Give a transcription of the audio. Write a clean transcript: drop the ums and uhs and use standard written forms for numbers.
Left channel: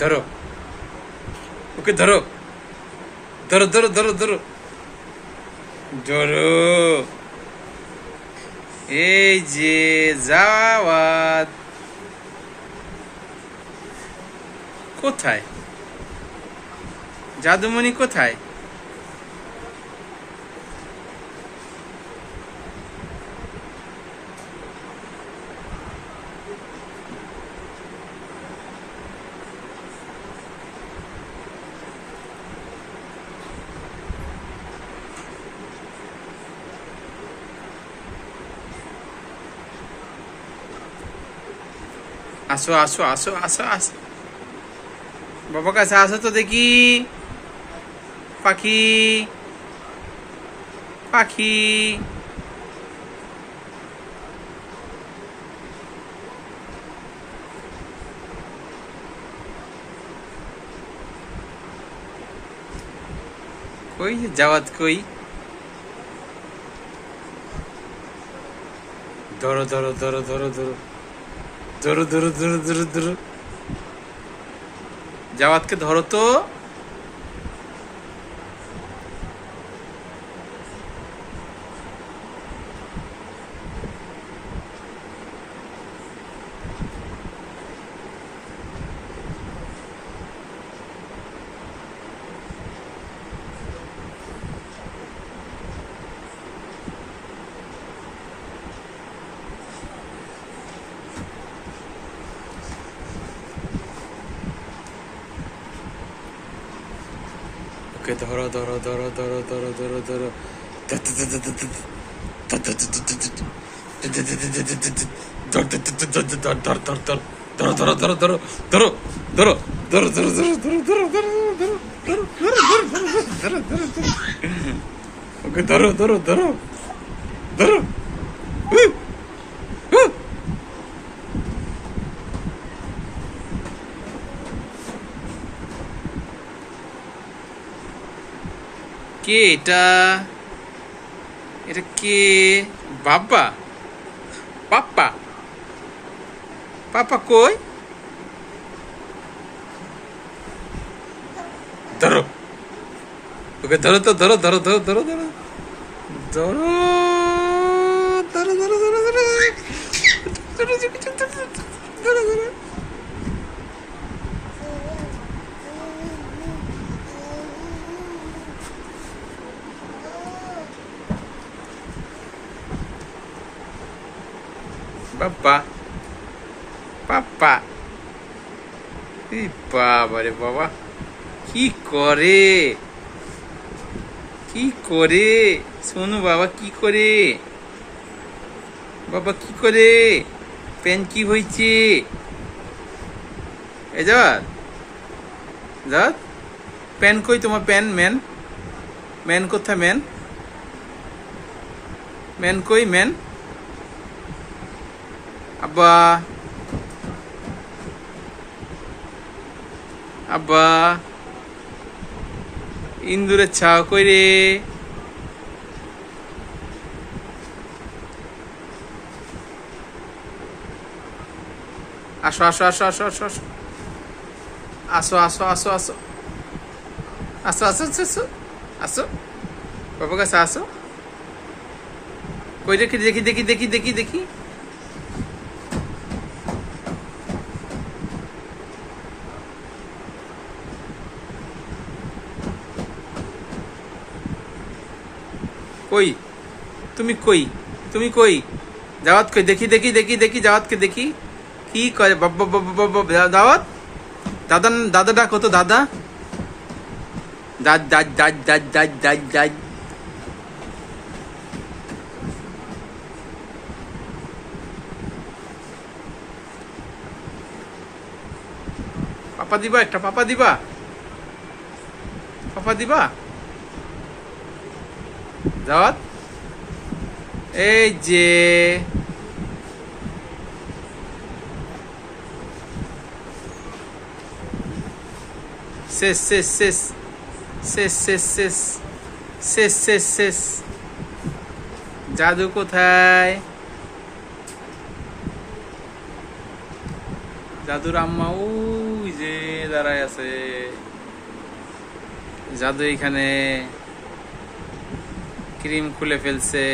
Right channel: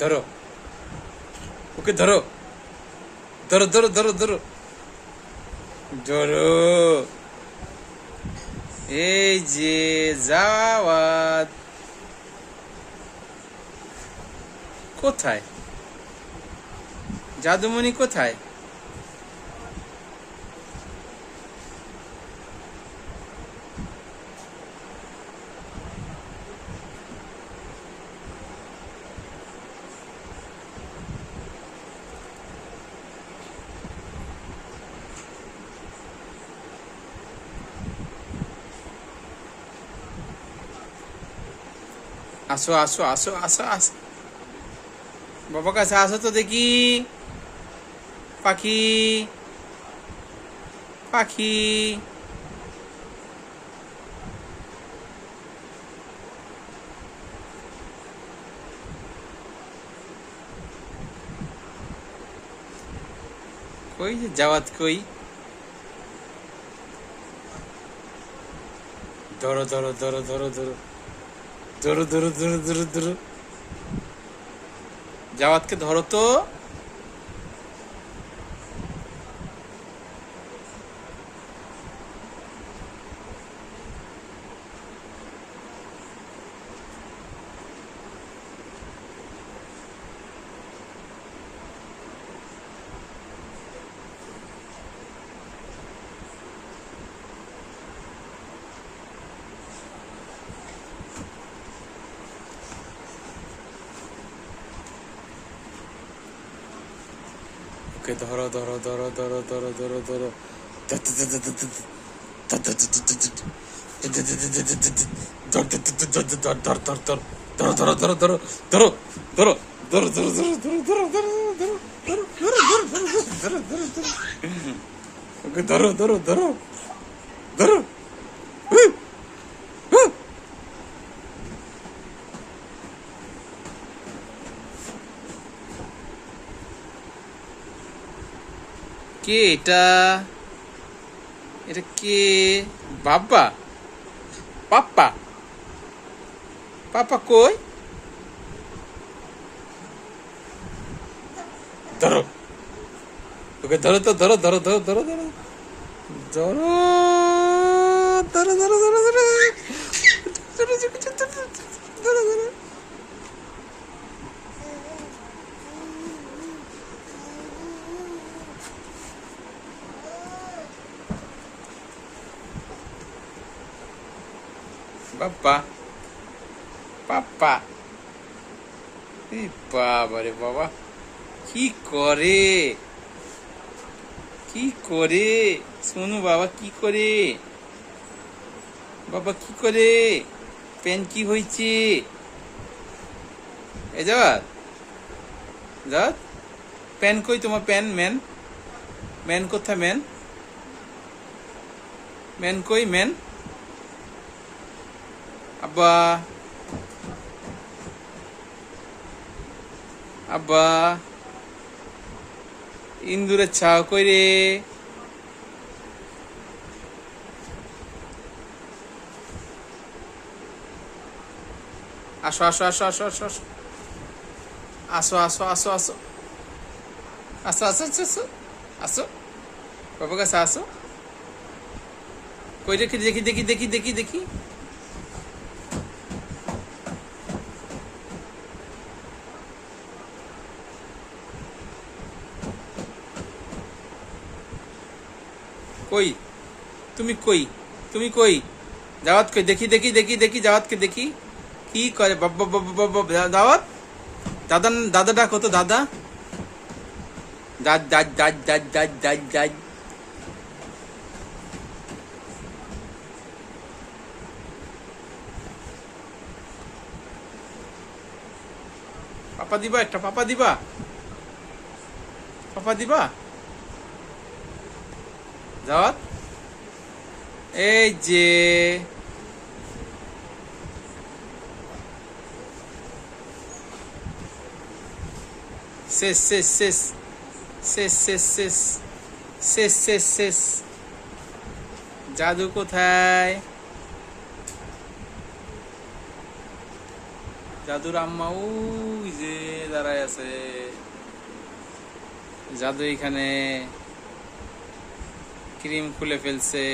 ধরো, ওকে ধরো, ধরো ধরো ধরো ধরো ধরো। এই যে জাওয়াত। কোথায় জাদুমণি, কোথায়? আসো আসো আসো আসো আসো, বাবা কাছে আসো তো দেখি। পাখি, পাখি, কই জাওয়াত কই? ধরো ধরো ধরো ধরো ধরো ধরো ধরো ধরো ধরো ধরো, জাওয়াতকে ধরো তো। ওকে ধরো ধরো ধরো ধরো ধরো ধরো ধরো, ওকে ধরো ধরো ধরো ধরো। কে এটা? এটা কে? বাবা, পাপ্পা, পাপা কই? ধরো, ওকে ধরো তো, ধরো ধরো ধরো ধরো ধরো ধরো ধরো ধরো ধরো ধরো ধরো। বাবা, পাপ্পা, এই বাবা রে বাবা, কি করে, কি করে সোনু বাবা, কি করে বাবা, কি করে? প্যান কি হয়েছে? এ যাওয়াত, যাওয়াত, প্যান কই তোমার? প্যান, ম্যান, ম্যান কোথায়? ম্যান, ম্যান কই? ম্যান, আব্বা, আব্বা, ইন্দুরের ছাও কই রে? আসো আসো আসো আসো আসো আসো আসো আসো আসো আসো আসো আসো আসো আসো, বাবার কাছে আসো। কই দেখি দেখি দেখি দেখি দেখি দেখি, কই তুমি? কই তুমি? কই জাওয়াত? কই দেখি দেখি দেখি দেখি, জাওয়াতকে দেখি কি করে। বাবা বাবা বাবা, দাওয়াত, দাদা, দাদা ডাকো তো, দাদা, দাদ দাদ দাদ দাদ দাদ দাদ দাদ। পাপা দিবা একটা? পাপা দিবা? পাপা দিবা? জাওয়াত, এই যে শেষ শেষ শেষ শেষ শেষ শেষ শেষ শেষ শেষ। জাদু কোথায়? জাদুর আম্মা ওই যে দাঁড়ায় আছে জাদু, এখানে ক্রিম খুলে ফেলছে।